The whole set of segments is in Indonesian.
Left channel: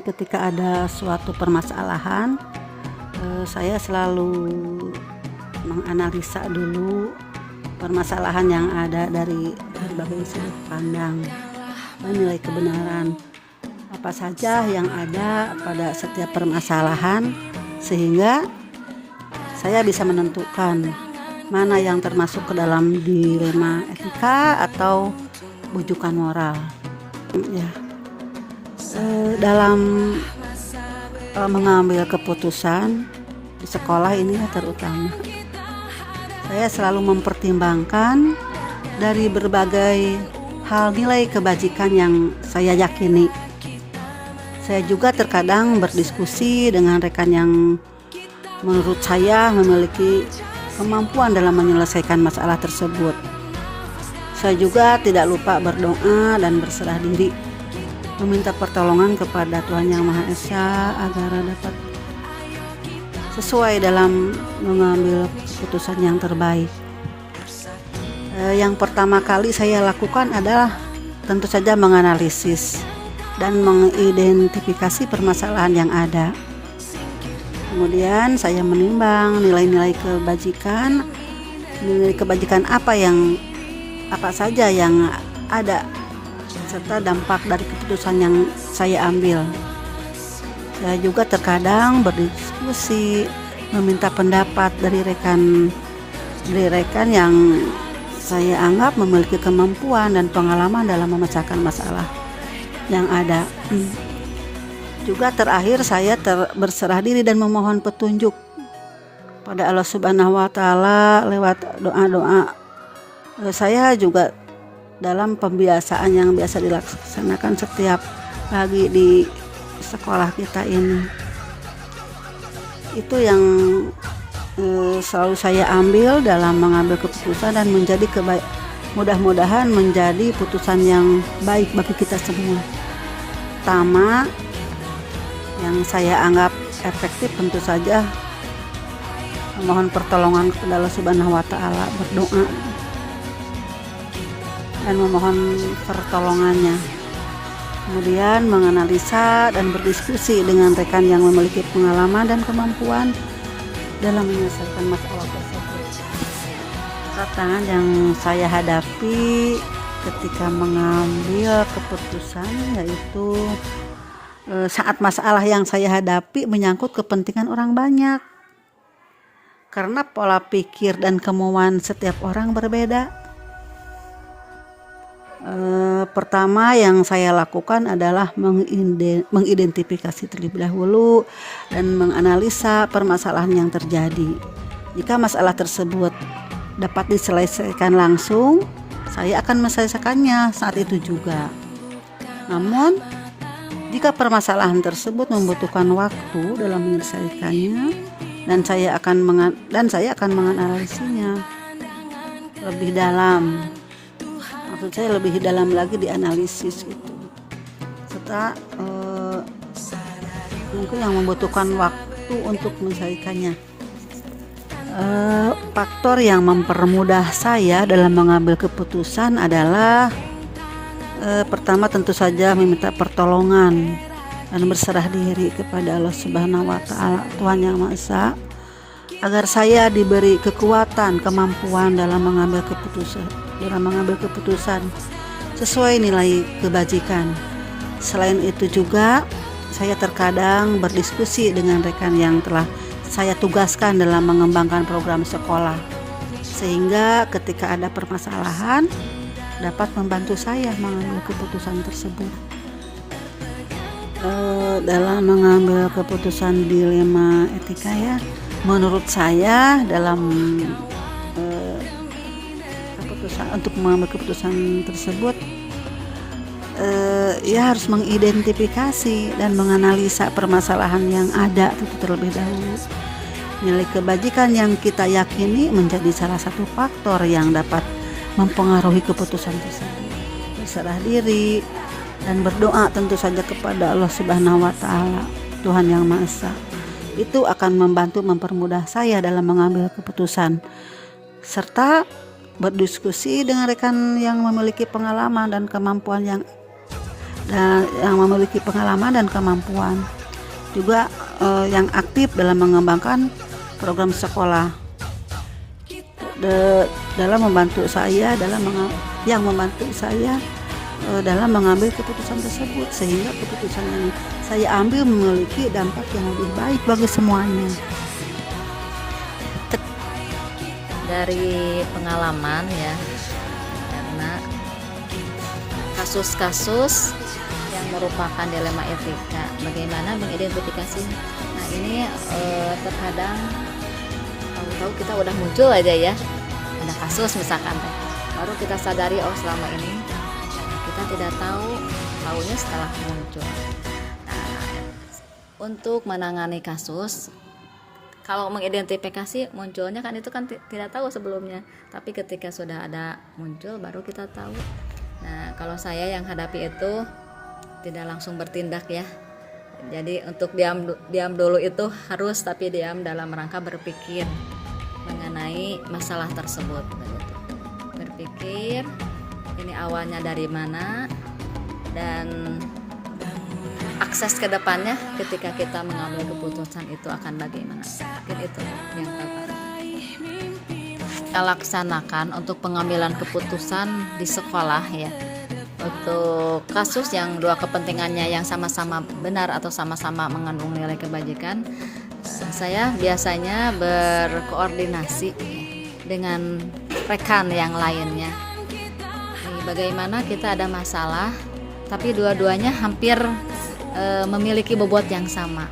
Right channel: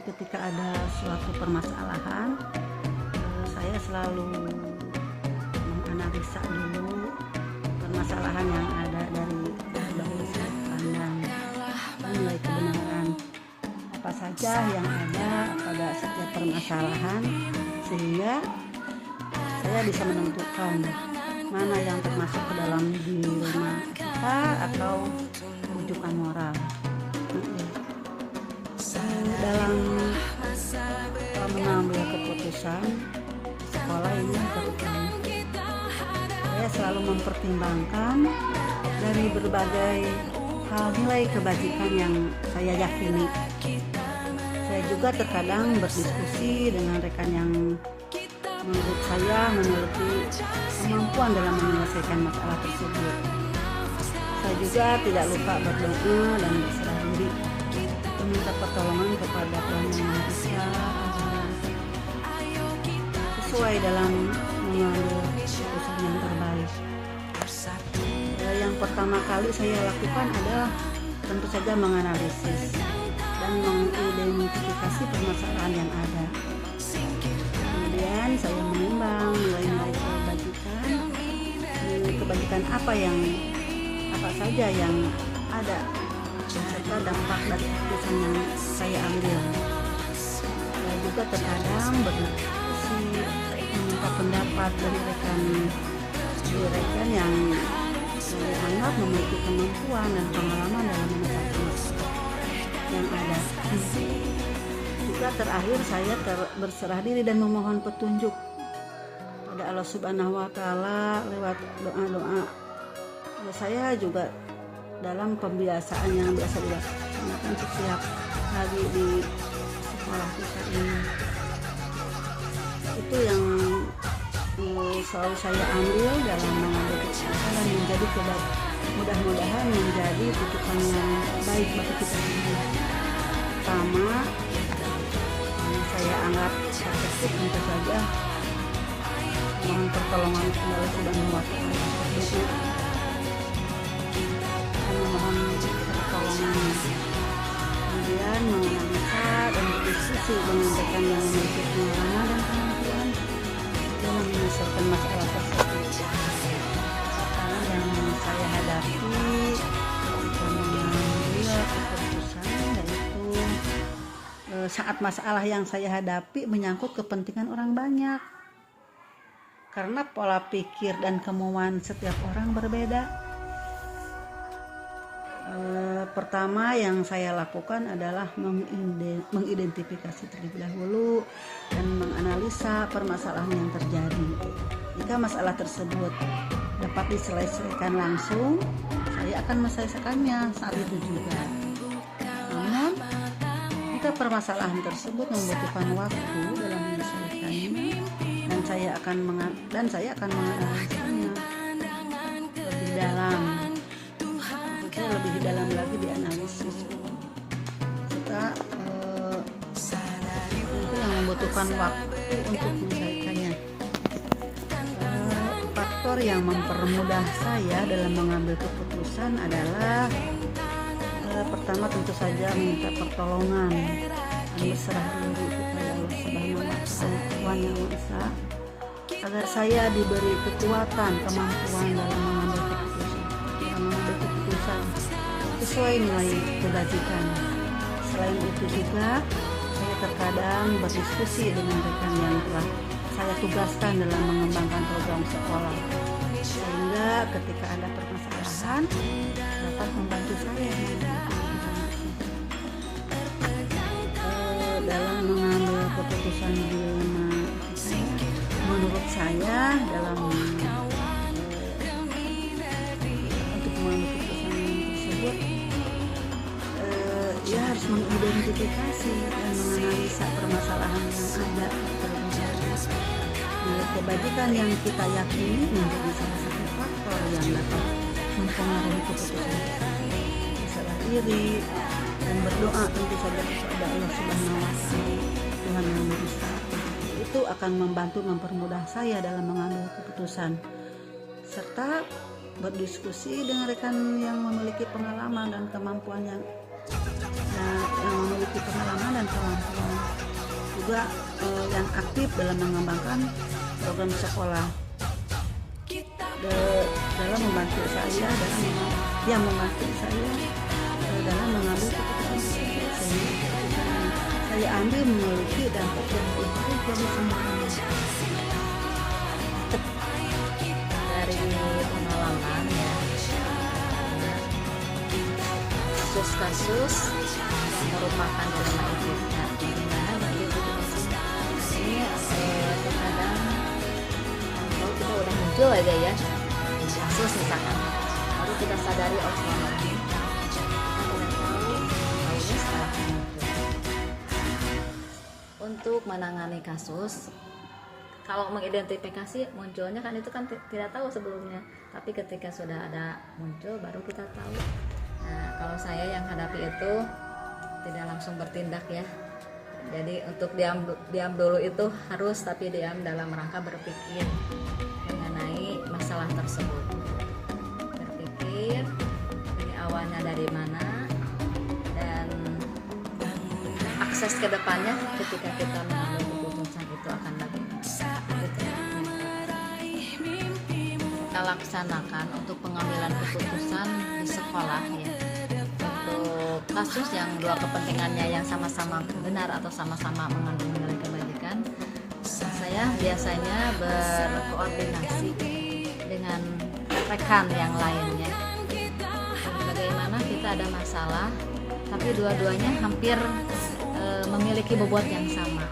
Ketika ada suatu permasalahan, saya selalu menganalisa dulu permasalahan yang ada dari berbagai sudut pandang, menilai kebenaran apa saja yang ada pada setiap permasalahan, sehingga saya bisa menentukan mana yang termasuk ke dalam dilema etika atau bujukan moral. Ya, dalam mengambil keputusan di sekolah ini terutama, saya selalu mempertimbangkan dari berbagai hal nilai kebajikan yang saya yakini. Saya juga terkadang berdiskusi dengan rekan yang menurut saya memiliki kemampuan dalam menyelesaikan masalah tersebut. Saya juga tidak lupa berdoa dan berserah diri, meminta pertolongan kepada Tuhan Yang Maha Esa agar dapat sesuai dalam mengambil keputusan yang terbaik. Yang pertama kali saya lakukan adalah tentu saja menganalisis dan mengidentifikasi permasalahan yang ada. Kemudian saya menimbang nilai-nilai kebajikan apa saja yang ada, serta dampak dari keputusan yang saya ambil. Saya juga terkadang berdiskusi, meminta pendapat dari rekan yang saya anggap memiliki kemampuan dan pengalaman dalam memecahkan masalah yang ada. Juga terakhir saya berserah diri dan memohon petunjuk pada Allah Subhanahu wa Ta'ala lewat doa-doa. Saya juga dalam pembiasaan yang biasa dilaksanakan setiap pagi di sekolah kita ini, itu yang selalu saya ambil dalam mengambil keputusan dan mudah-mudahan menjadi putusan yang baik bagi kita semua. Pertama, yang saya anggap efektif tentu saja memohon pertolongan kepada Allah Subhanahu wa Ta'ala, berdoa dan memohon pertolongannya. Kemudian menganalisa dan berdiskusi dengan rekan yang memiliki pengalaman dan kemampuan dalam menyelesaikan masalah tersebut. Tantangan yang saya hadapi ketika mengambil keputusan yaitu saat masalah yang saya hadapi menyangkut kepentingan orang banyak, karena pola pikir dan kemauan setiap orang berbeda. Pertama yang saya lakukan adalah mengidentifikasi terlebih dahulu dan menganalisa permasalahan yang terjadi. Jika masalah tersebut dapat diselesaikan langsung, saya akan menyelesaikannya saat itu juga. Namun, jika permasalahan tersebut membutuhkan waktu dalam menyelesaikannya, dan saya akan menganalisinya lebih dalam. Maksud saya lebih dalam lagi dianalisis itu. Serta itu yang membutuhkan waktu untuk menyelesaikannya. Faktor yang mempermudah saya dalam mengambil keputusan adalah pertama tentu saja meminta pertolongan dan berserah diri kepada Allah Subhanahu wa Ta'ala, Tuhan Yang Maha Esa, agar saya diberi kekuatan, kemampuan dalam mengambil keputusan sesuai nilai kebajikan. Selain itu juga saya terkadang berdiskusi dengan rekan yang telah saya tugaskan dalam mengembangkan program sekolah, sehingga ketika ada permasalahan dapat membantu saya mengambil keputusan tersebut. Dalam mengambil keputusan dilema etika ya, menurut saya dalam untuk mengambil keputusan tersebut ya harus mengidentifikasi dan menganalisa permasalahan yang ada terlebih dahulu. Nilai kebajikan yang kita yakini menjadi salah satu faktor yang dapat mempengaruhi keputusan tersebut. Berserah diri dan berdoa tentu saja kepada Allah Subhanahu wa Ta'ala, Tuhan Yang Maha Esa. Itu akan membantu mempermudah saya dalam mengambil keputusan, serta berdiskusi dengan rekan yang memiliki pengalaman dan kemampuan yang dan yang memiliki pengalaman dan kemampuan, juga yang aktif dalam mengembangkan program sekolah, dalam membantu saya dalam mengambil keputusan tersebut, sehingga keputusan yang saya ambil memiliki dampak yang lebih baik bagi semuanya. Dari pengalaman ya, karena kasus-kasus yang merupakan dilema etika, bagaimana mengidentifikasi. Nah ini terkadang kalau kita udah muncul aja ya, ada kasus misalkan, baru kita sadari oh selama ini kita tidak tahunya setelah muncul. Untuk menangani kasus, kalau mengidentifikasi munculnya kan itu kan tidak tahu sebelumnya, tapi ketika sudah ada muncul baru kita tahu. Nah kalau saya yang hadapi itu tidak langsung bertindak ya, jadi untuk diam dulu itu harus, tapi diam dalam rangka berpikir mengenai masalah tersebut, berpikir ini awalnya dari mana dan akses ke depannya ketika kita mengambil keputusan itu akan bagaimana. Itu yang kita laksanakan untuk pengambilan keputusan di sekolah ya. Untuk kasus yang dua kepentingannya yang sama-sama benar atau sama-sama mengandung nilai kebajikan, saya biasanya berkoordinasi dengan rekan yang lainnya. Bagaimana kita ada masalah tapi dua-duanya hampir memiliki bobot yang sama.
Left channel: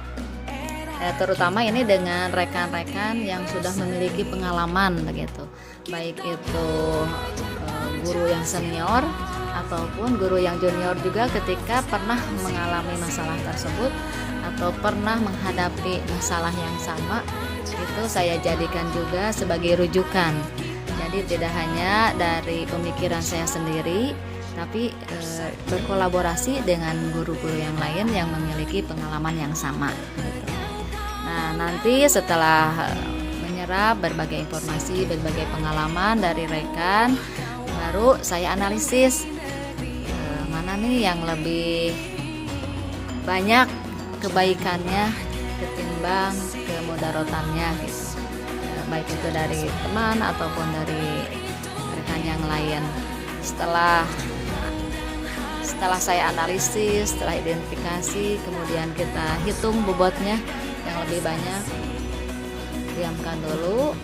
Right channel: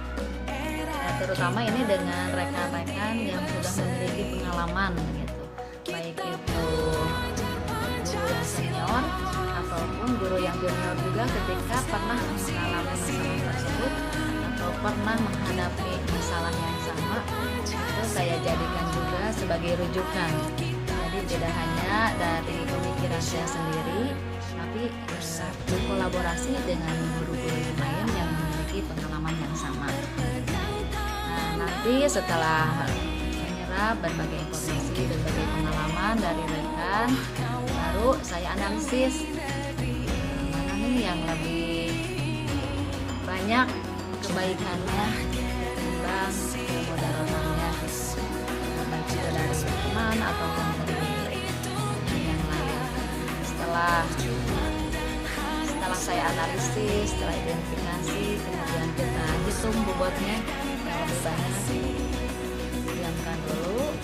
Terutama ini dengan rekan-rekan yang sudah memiliki pengalaman begitu, baik itu guru yang senior ataupun guru yang junior juga, ketika pernah mengalami masalah tersebut atau pernah menghadapi masalah yang sama, itu saya jadikan juga sebagai rujukan. Jadi tidak hanya dari pemikiran saya sendiri, tapi berkolaborasi dengan guru-guru yang lain yang memiliki pengalaman yang sama. Nah, nanti setelah menyerap berbagai informasi, berbagai pengalaman dari rekan, baru saya analisis mana nih yang lebih banyak kebaikannya ketimbang kemudarotannya, baik itu dari teman ataupun dari rekan yang lain. Setelah saya analisis, setelah identifikasi, kemudian kita hitung bobotnya yang lebih banyak, diamkan dulu.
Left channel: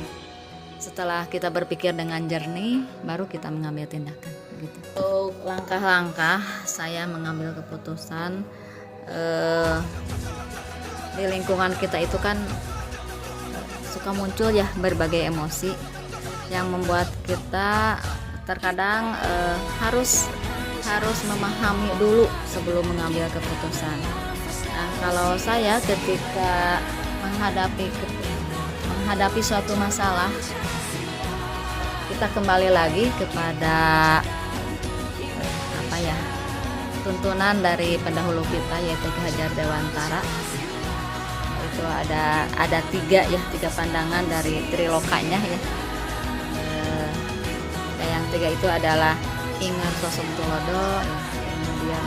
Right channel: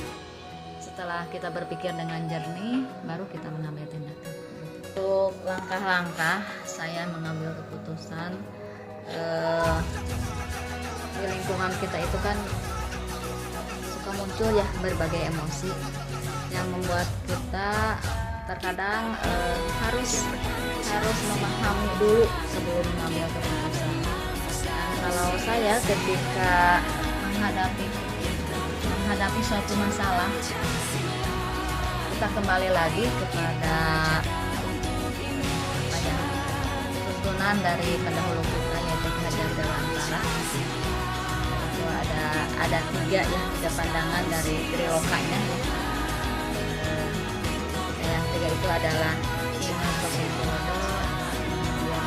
Setelah kita berpikir dengan jernih, baru kita mengambil tindakan. Untuk langkah-langkah saya mengambil keputusan, di lingkungan kita itu kan suka muncul ya berbagai emosi yang membuat kita terkadang harus memahami dulu sebelum mengambil keputusan. Nah, kalau saya ketika menghadapi suatu masalah, kita kembali lagi kepada tuntunan dari pendahulu kita, yaitu Ki Hajar Dewantara. Itu ada tiga pandangan dari Trilokanya ya. Yang tiga itu adalah Imam Kusutiwodo, kemudian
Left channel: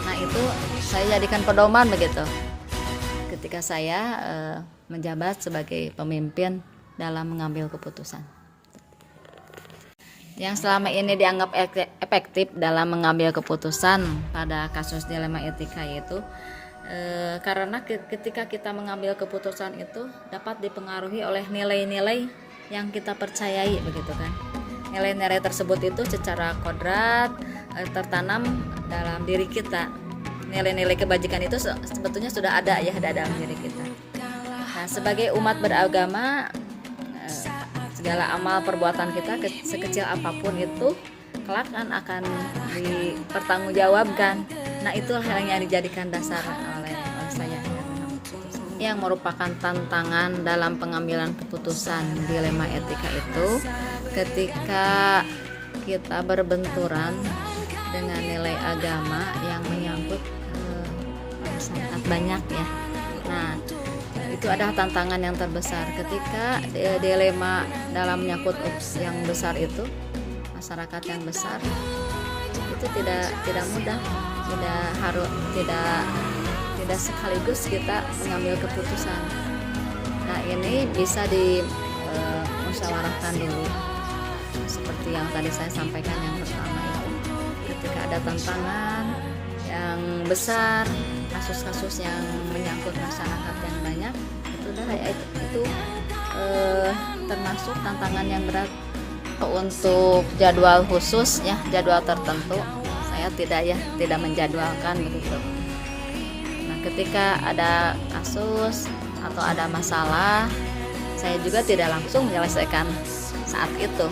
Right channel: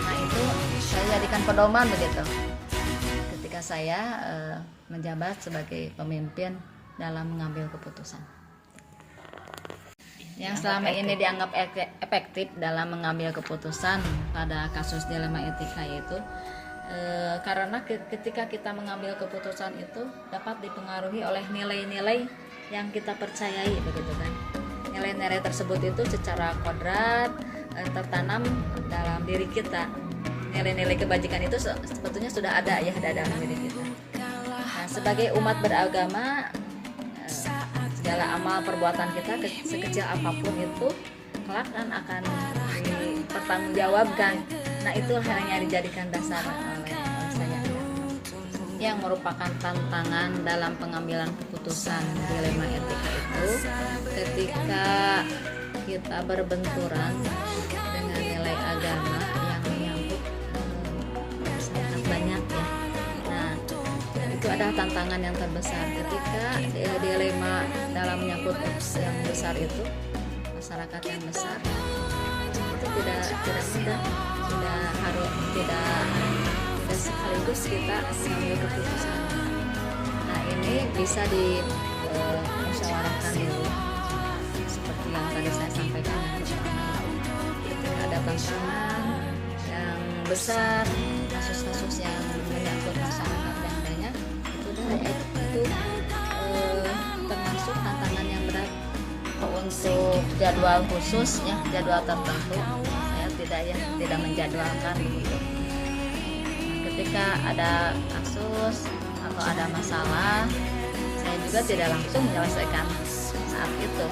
nah itu saya jadikan pedoman begitu ketika saya menjabat sebagai pemimpin dalam mengambil keputusan. Yang selama ini dianggap efektif dalam mengambil keputusan pada kasus dilema etika itu karena ketika kita mengambil keputusan itu dapat dipengaruhi oleh nilai-nilai yang kita percayai begitu kan. Nilai-nilai tersebut itu secara kodrat tertanam dalam diri kita. Nilai-nilai kebajikan itu sebetulnya sudah ada ya dalam diri kita. Nah, sebagai umat beragama, segala amal perbuatan kita sekecil apapun itu kelak akan dipertanggungjawabkan. Nah, itulah yang dijadikan dasar oleh saya, yang merupakan tantangan dalam pengambilan keputusan dilema etika itu ketika kita berbenturan dengan nilai agama yang menyangkut sangat banyak ya. Nah, itu adalah tantangan yang terbesar ketika dilema dalam menyangkut yang besar itu, masyarakat yang besar, itu tidak mudah, tidak harus tidak sekaligus kita mengambil keputusan. Nah ini bisa dimusyawarahkan dulu seperti yang tadi saya sampaikan. Yang pertama itu ketika ada tantangan yang besar, kasus-kasus yang menyangkut masyarakat yang banyak, itu termasuk tantangan yang berat. Untuk jadwal khusus ya, jadwal tertentu saya tidak menjadwalkan begitu. Nah, ketika ada kasus atau ada masalah, saya juga tidak langsung menyelesaikan saat itu,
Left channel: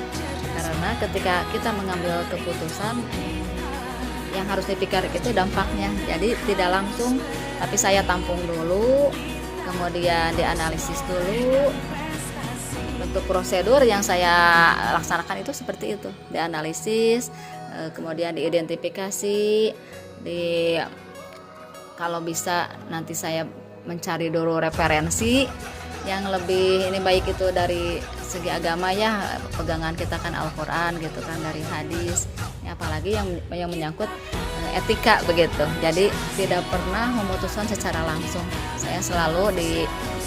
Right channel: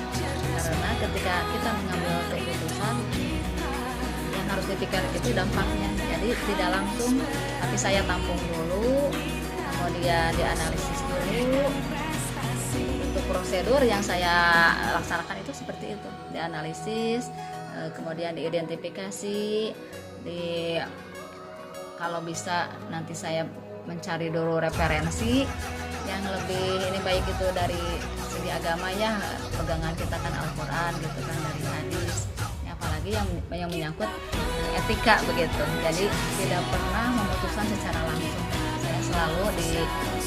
karena ketika kita mengambil keputusan yang harus dipikirkan itu dampaknya. Jadi tidak langsung, tapi saya tampung dulu, kemudian dianalisis dulu. Untuk prosedur yang saya laksanakan itu seperti itu, dianalisis, kemudian diidentifikasi, kalau bisa nanti saya mencari dulu referensi yang lebih ini, baik itu dari segi agama ya, pegangan kita kan Al-Quran gitu kan, dari hadis ya, apalagi yang menyangkut etika begitu. Jadi tidak pernah memutuskan secara langsung, saya selalu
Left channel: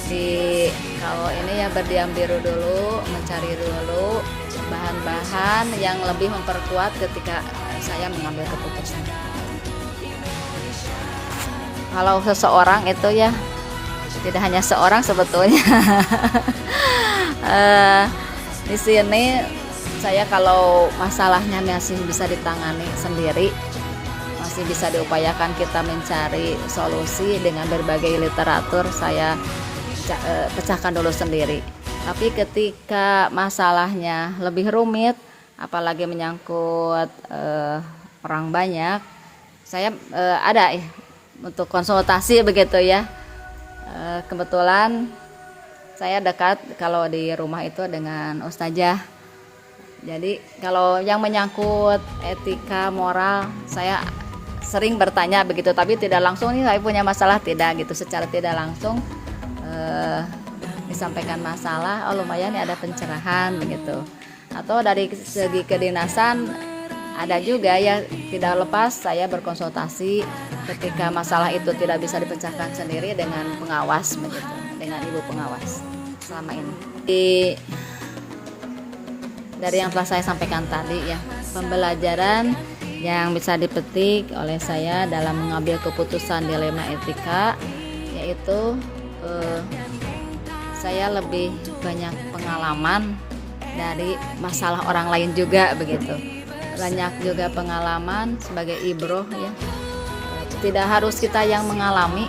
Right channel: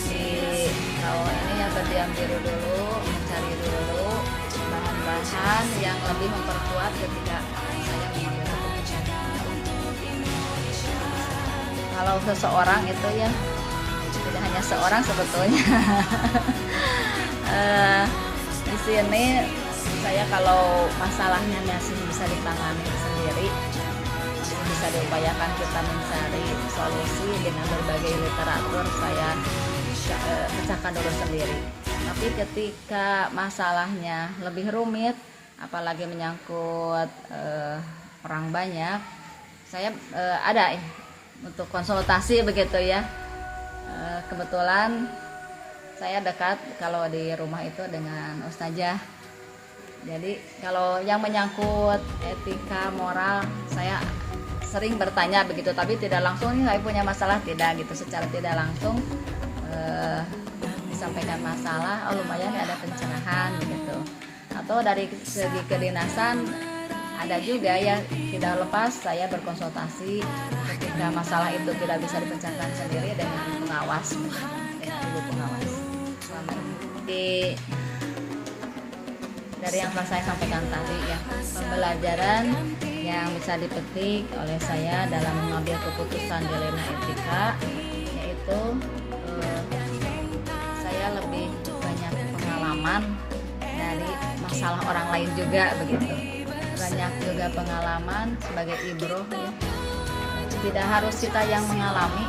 kalau ini ya berdiam diri dulu, mencari dulu bahan-bahan yang lebih memperkuat ketika saya mengambil keputusan. Kalau seseorang itu ya, tidak hanya seorang sebetulnya. Di sini saya kalau masalahnya masih bisa ditangani sendiri, masih bisa diupayakan kita mencari solusi dengan berbagai literatur, saya pecahkan dulu sendiri. Tapi ketika masalahnya lebih rumit, apalagi menyangkut orang banyak, saya ada untuk konsultasi begitu ya. Kebetulan saya dekat kalau di rumah itu dengan ustazah. Jadi kalau yang menyangkut etika, moral, saya sering bertanya begitu, tapi tidak langsung nih saya punya masalah, tidak gitu, secara tidak langsung disampaikan masalah, lumayan ya ada pencerahan begitu. Atau dari segi kedinasan ada juga ya, tidak lepas saya berkonsultasi ketika masalah itu tidak bisa dipecahkan sendiri dengan pengawas begitu, dengan ibu pengawas. Selama ini dari yang telah saya sampaikan tadi ya, pembelajaran yang bisa dipetik oleh saya dalam mengambil keputusan dilema etika, yaitu saya lebih banyak pengalaman dari masalah orang lain juga begitu. Banyak juga pengalaman sebagai ibroh ya. Tidak harus kita yang mengalami,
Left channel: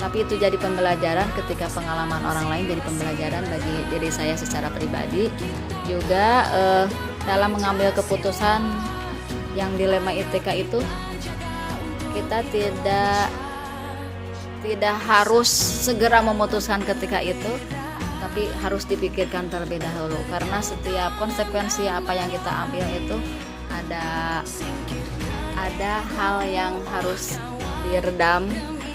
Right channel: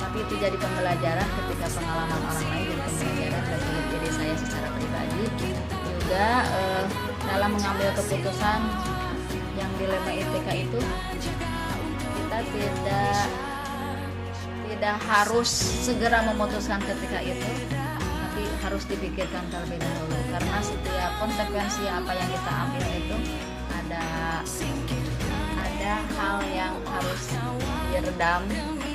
tapi itu jadi pembelajaran ketika pengalaman orang lain jadi pembelajaran bagi diri saya secara pribadi. Juga dalam mengambil keputusan yang dilema etika itu, kita tidak harus segera memutuskan ketika itu, tapi harus dipikirkan terlebih dahulu, karena setiap konsekuensi apa yang kita ambil itu ada hal yang harus diredam,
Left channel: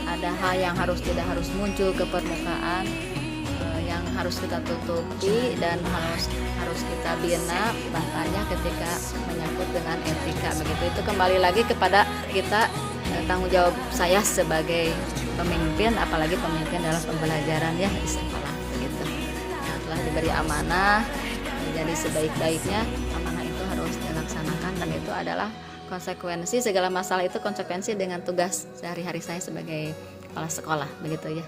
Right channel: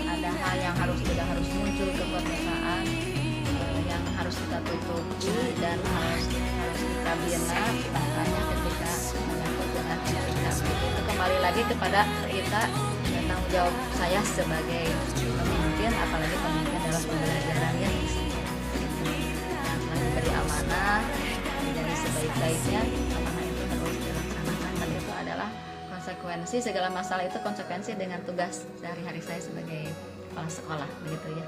ada hal yang tidak harus muncul ke permukaan, yang harus kita tutupi dan harus kita bina. Makanya ketika menyangkut dengan etika begitu, itu kembali lagi kepada kita, tanggung jawab saya sebagai pemimpin, apalagi pemimpin dalam pembelajaran ya, gitu. Yang telah diberi amanah menjadi sebaik-baiknya, amanah itu harus dilaksanakan, dan itu adalah konsekuensi segala masalah, itu konsekuensi dengan tugas sehari-hari saya sebagai kepala sekolah begitu ya.